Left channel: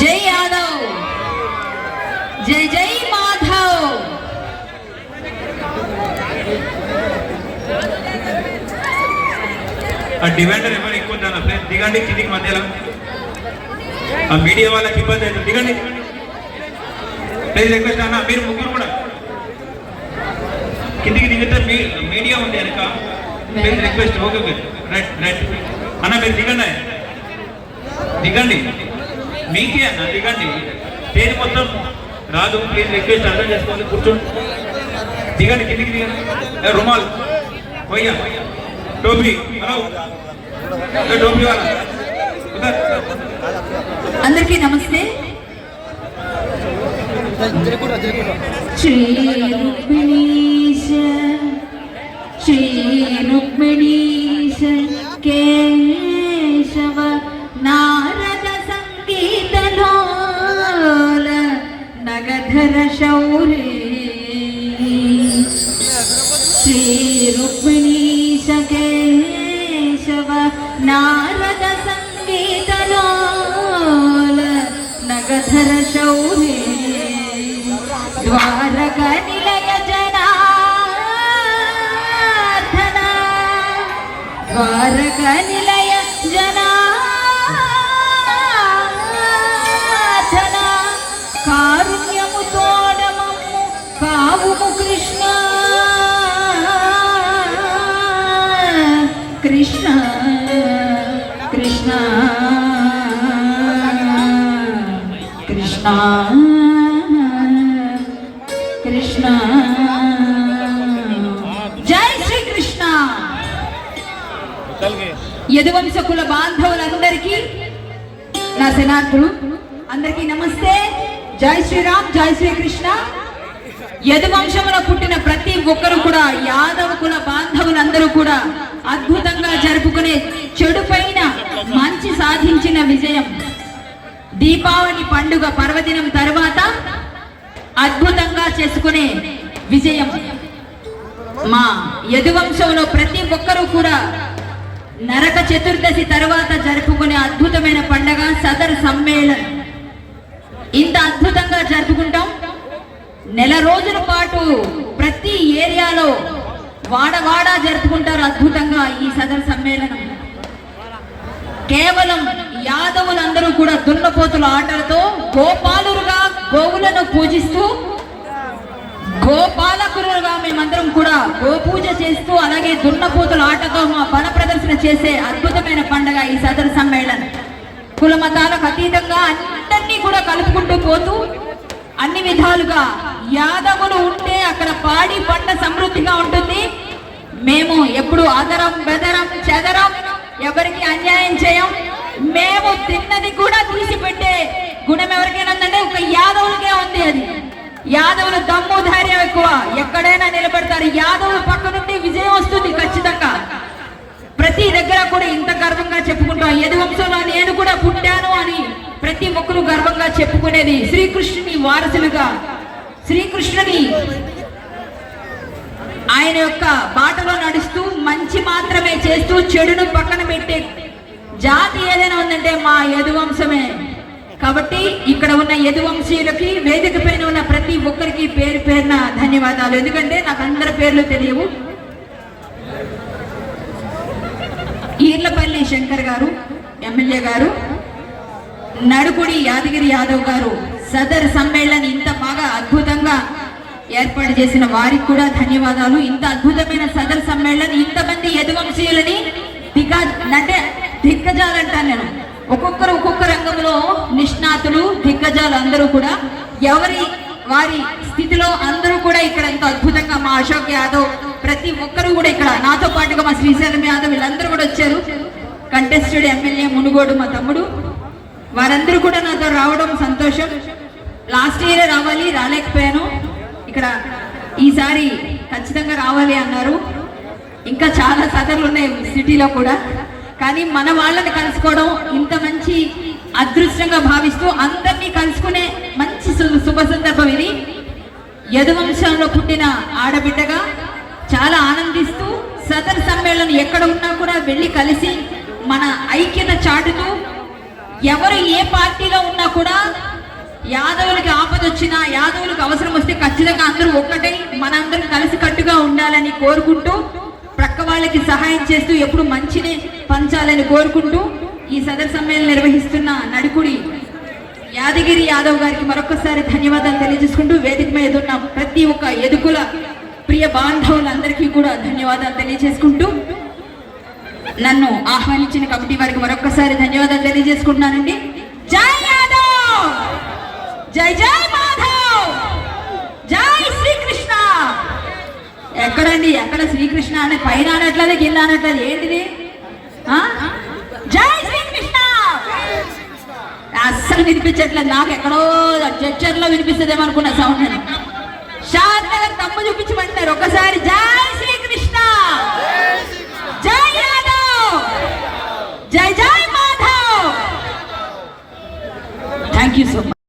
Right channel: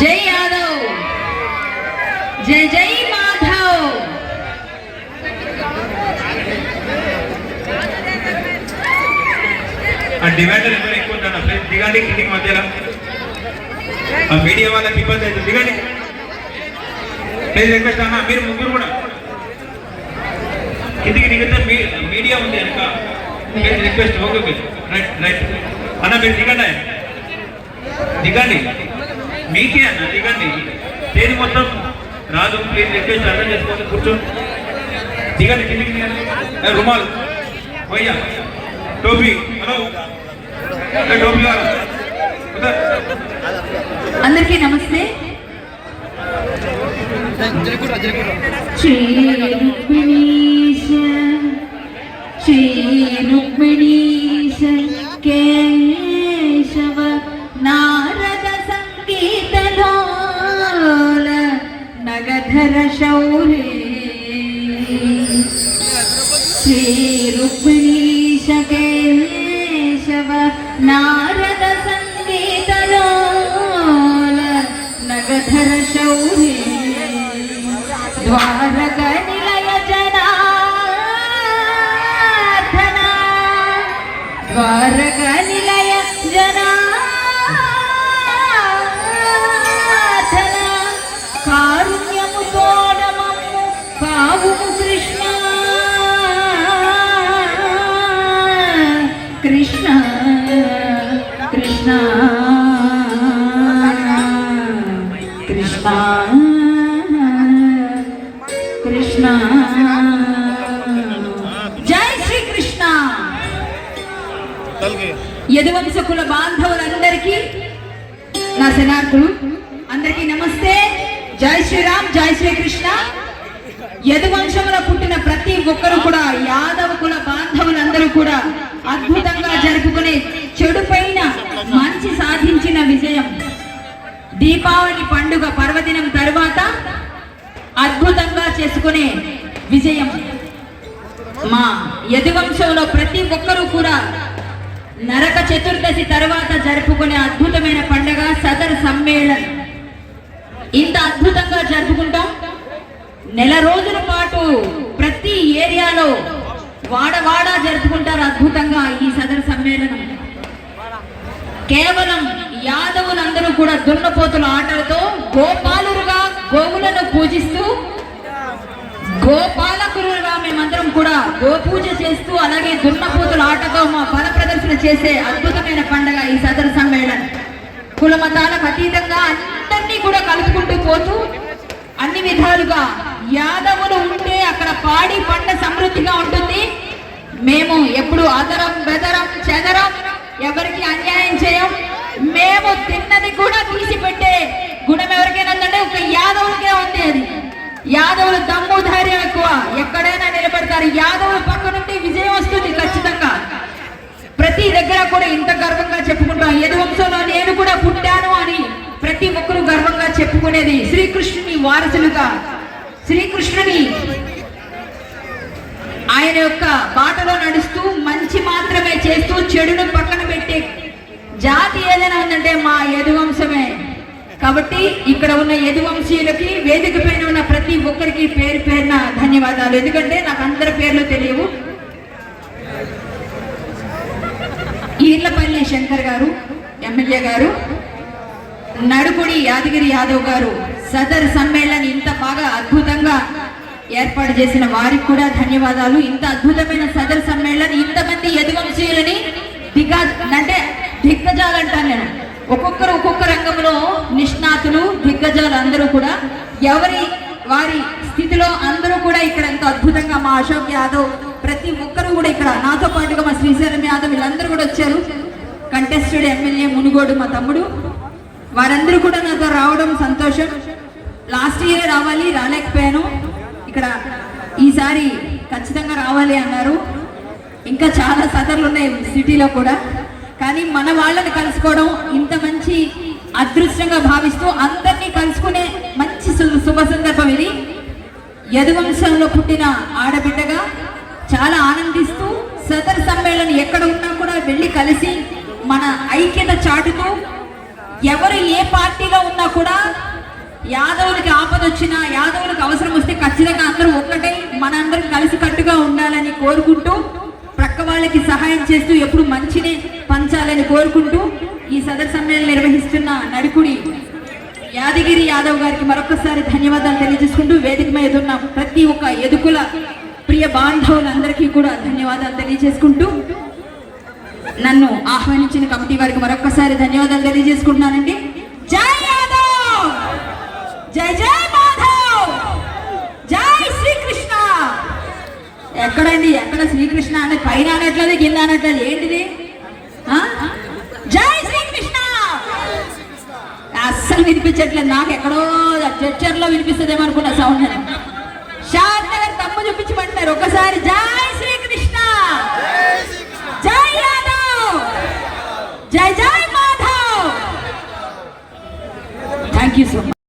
జై యాదవ్, జై జై మాధవ్. ఆ డివైడర్ ఎక్కువ ఉంటాను ఫ్రెండ్స్, దిగండి కిందికి మధ్యలో. ఆ మీడియా వాళ్ళకి ఇబ్బంది అవుతుంది, దిగండి ప్లీజ్. రిక్వెస్ట్ అన్న, మీరు ముగ్గురు కూడా కిందికి దిగితే మీడియా ఉంది కనుక please request. Okay okay, right right అన్న, మీరు దిగండి, దిగండి మీకే అన్న, దిగండి. స్టేజ్ మొత్తం రాదు, ప్లీజ్ రిక్వెస్ట్ అర్థం చేసుకోండి, కూర్చోండి, దిగండి కిందికి దిగండి. రుమాల్ పోయ్యా, టోపీ, హలో టోపీ, అందరికీ నమస్తే. శ్రీ రుక్మిణీశ, శ్రీ రుక్మిణీశ కేశవ నారద సంగీతలోల నగధర శౌరే. శ్రీ రుక్మిణీశ కేశవ నారద సంగీతలోల నగధర శౌరే. ద్వారక నిలయ జనార్దన, ద్వారక నిలయ జనార్దన, కారుణ్యము తోడమము కావుము కృష్ణ. కృష్ణ కృష్ణ కృష్ణ కృష్ణ. జై శ్రీకృష్ణ. యదువంశకుల బాంధవులందరికీ నా శనార్థులు అందరికీ నమస్తే. జై శ్రీరామ్, జై శ్రీకృష్ణ. యదువంశములో పుట్టిన ప్రతి ఒక్కరు కూడా, యాదవ కుల బాంధవులందరూ కూడా అద్భుతంగా జరుపుకునే చెడు పైన మంచి సాధించిన విజయం. దీపావళి పండుగ పర్వదినం తరువాత అద్భుతంగా చేసుకునే విజయం. మా యదువంశంలో ప్రతి ఒక్కరూ కూడా నరక చతుర్దశి తర్వాత జరుపుకునే అద్భుతమైన పండుగ సదర్ సమ్మేళన్. ఇంత అద్భుతంగా జరుపుకుంటాం. నెల రోజుల పాటు ప్రతి ఏరియాలో వాడవాడ జరుపుకుంటారు అద్భుతంగా ఈ సదర్ సమ్మేళనం. కేవలం యాదవులందరూ కూడా దున్నపోతుల ఆటలతో గోపాలురుగా గోవులను పూజిస్తూ, గోపాలకులుగా మేమందరం కూడా గోపూజ చేస్తూ, అలాగే దున్నపోతుల ఆటతో మా బల ప్రదర్శన చేసే అద్భుతమైన పండుగ ఈ సదర్ సమ్మేళనం. కుల మతాలకు అతీతంగా అందరినీ కూడా కలుపుకుంటూ పోతూ అన్ని విధాలుగా యాదవులు ఉంటే అక్కడ పాడి పంట సమృద్ధిగా ఉంటుంది. మేము ఎప్పుడు ఆదరం బెదరం చెదరం, ఎవరికి అన్యాయం చేయం. మేము తిన్నది కూడా తీసిపెట్టే గుణం ఎవరికైనా ఉందంటే ఒక యాదవులకే ఉంది. అది యాదవుల దమ్ము ధైర్యం ఎక్కువ, ఎక్కడైనా నిలబడతారు. యాదవుల పక్క నుండి విజయం వస్తుంది ఖచ్చితంగా. ప్రతి దగ్గర కూడా ఇంత గర్వంగా చెప్పుకుంటాం, యదువంశంలో నేను కూడా పుట్టాను అని ప్రతి ఒక్కరూ గర్వంగా చెప్పుకునేది. శ్రీకృష్ణుని వారసులుగా, శ్రీకృష్ణుని ఆయన యొక్క బాటలో నడుస్తూ మంచి మాత్రమే చేస్తూ చెడును పక్కన పెట్టే జాతి ఏదైనా ఉందంటే మా యదువంశమే. కాబట్టి ఇక్కడ ఉన్న యదువంశీయులకి, వేదిక పైన ఉన్న ప్రతి ఒక్కరికి పేరు పేరున ధన్యవాదాలు. ఎందుకంటే నాకు అందరి పేర్లు తెలియవు. ఈర్లపల్లి శంకర్ గారు ఎమ్మెల్యే గారు, నడుకుడి యాదగిరి యాదవ్ గారు సదర్ సమ్మేళనం ఇంత బాగా అద్భుతంగా ఏర్పాటు చేసిన వారికి కూడా ధన్యవాదాలు. ఇంత అద్భుతమైన సదర్ సమ్మేళనం ఇంతమంది యదువంశీయులని దిగ్గజాలు అంటాను నేను. ఒక్కొక్కరు ఒక్కొక్క రంగంలో నిష్ణాతులు, దిగ్గజాలు అందరూ కూడా ఎవరి వారి స్థితిలో అందరూ కూడా ఇక్కడ ఎంతో అద్భుతంగా మా అశోక్ యాదవ్ ప్రతి ఒక్కరు కూడా ఇక్కడ నాతో పాటుగా మా శ్రీశైలం యాదవ్ వీళ్ళందరూ కూడా వచ్చారు. కంటెస్టెడ్ ఎమ్మెల్యే మునుగోడు మా తమ్ముడు, వారందరూ కూడా నాతో రావడం సంతోషం. లాస్ట్ ఇయరే రావాలి, రాలేకపోయాను. ఇక్కడ ఈసారి ఖచ్చితంగా రావాలి అన్నారు. ఇంకా చాలా సదర్లు ఉన్నాయి సిటీలో కూడా, కానీ మన వాళ్ళని కలుసుకోవడం ఇంత మంచి అదృష్టంగా భావిస్తూ అందరినీ కలుసుకునే మంచి శుభ సందర్భం ఇది. యదువంశంలో పుట్టిన ఆడబిడ్డగా చాలా ఆనందిస్తూ సదర్ సమ్మేళనం ఎక్కడ ఉన్నా కూడా వెళ్ళి కలిసి మన ఐక్యత చాటుతూ ఎవరు ఏ పార్టీలో ఉన్నా కూడా యాదవులకి ఆపద వచ్చినా, యాదవులకు అవసరం వస్తే ఖచ్చితంగా అందరూ ఒక్కటే మనందరం కలిసి కట్టుగా ఉండాలని కోరుకుంటూ, ప్రక్క వాళ్ళకి సహాయం చేస్తూ ఎప్పుడు మంచిని పంచాలని కోరుకుంటూ ఈ సదర్ సమ్మేళనం నిర్వహిస్తున్న నడుకుడి యాదగిరి యాదవ్ గారికి మరొకసారి ధన్యవాదాలు తెలియజేసుకుంటూ, వేదిక మీద ఉన్న ప్రతి ఒక్క ఎదుకుల ప్రియ బాంధవులందరికీ కూడా ధన్యవాదాలు తెలియజేసుకుంటూ, నన్ను ఆహ్వానించిన కమిటీ వారికి మరొకసారి ధన్యవాదాలు తెలియజేసుకుంటున్నానండి. జై యాదవ్, జై జై మాధవ్, జై శ్రీకృష్ణ. ఎక్కడండి, ఎక్కడ శ్రీకృష్ణ అంటే పైన అనట్లేదు, కింద అనట్లేదు, ఏంటిది? జై శ్రీకృష్ణ అస్సలు వినిపించట్లేదు. నాకు ఎక్కడో చర్చర్లో వినిపిస్తుందేమో అనుకున్న సౌండ్. షాద్ నగర్ తమ్ము చూపించమంటారు ఒకసారి. జై శ్రీకృష్ణ, జై యాదవ్, జై జై Madhav. Thank you so much.